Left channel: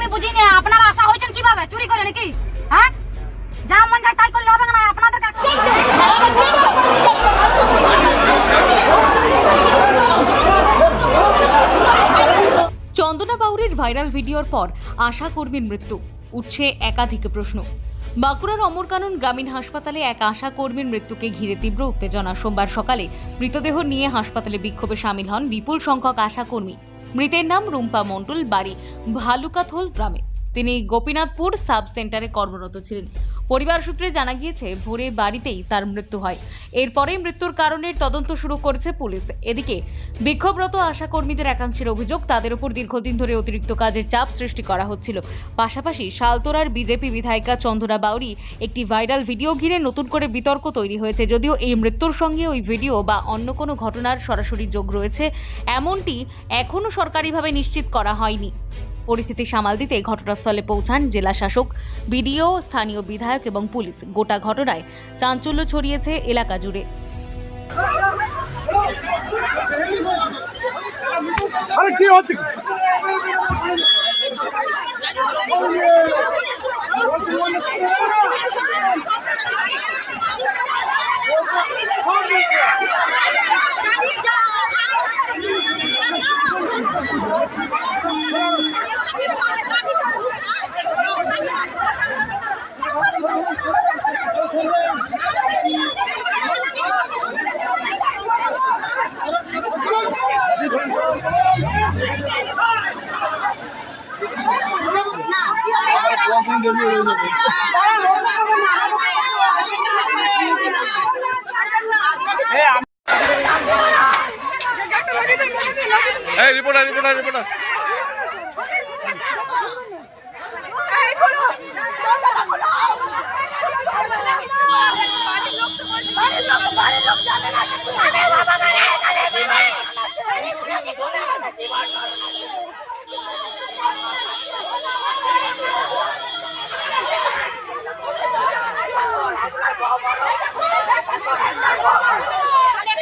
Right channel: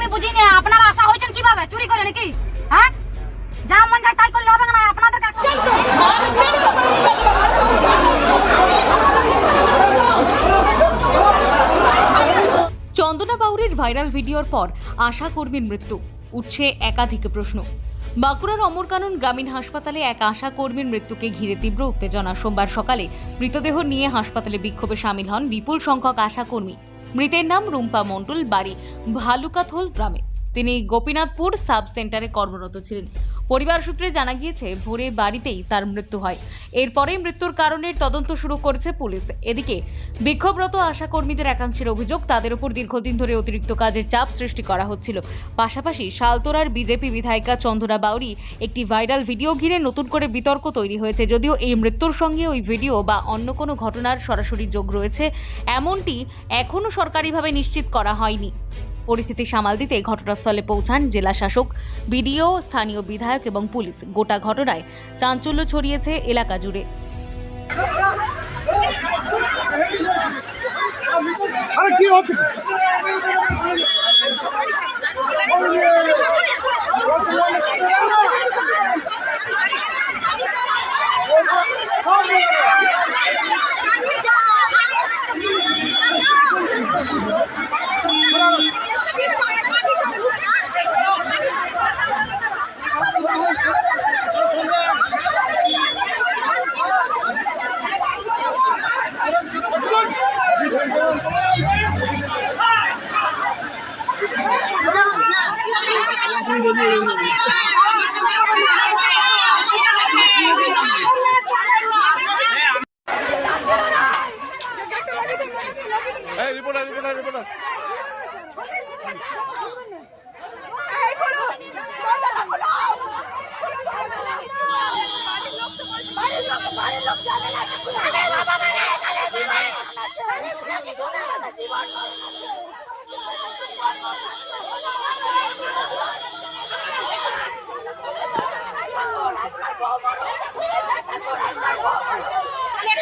আমি বুঝি না আপনারা আশা হয়েছেন কিভাবে চুরি করে নাকি? হ্যাঁ, যা মন যায় তাই করলে হবে না আপনাদের কাছে। চন্দনা বাউরির ভাইরাল ভিডিওর পর আশা কর্মীর মৃত্যু, উঠছে একাধিক প্রশ্ন। বাঁকুড়ার অমরকানন গ্রামীণ হাসপাতালে এক আশা কর্মীর মৃত্যুকে ঘিরে তীব্র উত্তেজনা। সোমবার সকালে মৃতদেহ নিয়ে হাসপাতালে বিক্ষোভে সামিল হন বিপুল সংখ্যক আশা কর্মী। মৃতের নাম রুম্পা মণ্ডল, বাড়ি ভালুকাথল গ্রামে। তিনি গোপীনাথপুর সাব সেন্টারে কর্মরত ছিলেন। পরিবার সূত্রে জানা গিয়েছে ভোরে বাড়িতেই তার মৃত্যু হয়। এরপরেই মৃত্যুর কারণের তদন্ত শুরু করেছে পুলিশ। এদিকে বিক্ষোভরত আশা কর্মীদের একাংশের অভিযোগ, তাদের উপর দীর্ঘদিন ধরে অতিরিক্ত কাজের চাপ সৃষ্টি করা হচ্ছিল। পাশাপাশি শালতোরার বিজেপি বিধায়িকা চন্দনা বাউরি একটি ভাইরাল ভিডিও ঘিরে নতুন করে বিতর্ক তৈরি হয়েছে। যদিও এই মৃত্যুর সঙ্গে ওই ভিডিও বা অন্য কোনো ঘটনার সরাসরি যোগ রয়েছে এমনটি এখনও সরকারিভাবে নিশ্চিত করা হয়নি। পরিস্থিতি সামাল দিতে ঘটনাস্থলে পৌঁছান জেলা শাসক, বিডিও, স্থানীয় বিধায়ক এবং পুলিশ। গোটা ঘটনায় চাঞ্চল্য ছড়িয়েছে এলাকা জুড়ে। আরে কি হচ্ছে? Hey, reporter.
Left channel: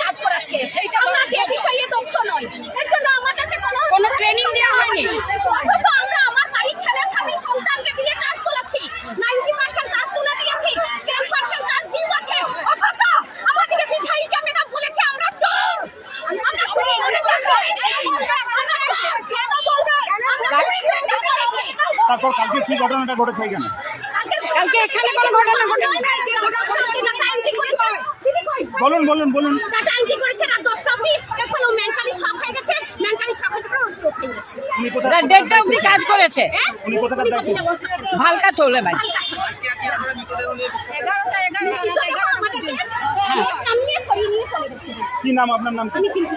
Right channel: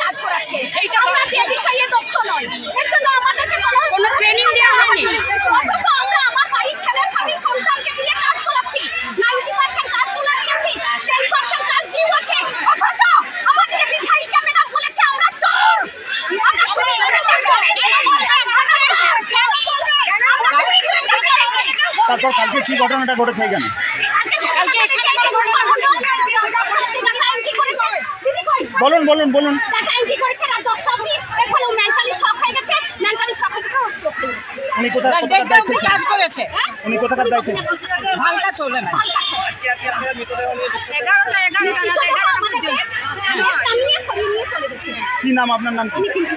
কাজ করাচ্ছে সেইটা আমরা যে বিষয়ে দক্ষ নই, এর জন্য আমাদেরকে কোনো ট্রেনিং দেওয়া হয়নি। অথচ আমরা আমার বাড়ির ছেলে স্বামী সন্তানকে দিয়ে কাজ করাচ্ছি, 90% কাজ তুলে দিয়েছি, 10% কাজ ডিউ আছে। অথচ আমাদের বিধায়িকা ম্যাডাম বলেছে আমরা চোর, আমরা চুরি করে চাকরি করেছি। তারপর কালকে কি ঘটনাটা ঘটেছে এখানে? বলুন। টাটা এন্ট্রি করেছে রাত 10টা অবধি, এখন ও মেন্টালি শক হয়ে গেছে, মেন্টালি শক হয়ে গেছে, ও স্ট্রোক হয়ে গেছে। উনি কোথায় দেড়টা অবধি কাজ করেছে, উনি কোথাকার দায়িত্বে? হালকা তোলে ভাই। 11টা আমাদের নামিয়ে সরিয়ে নিয়ে চলে গেছে। কি নাম আপনার? নাম কি? আমি কিন্তু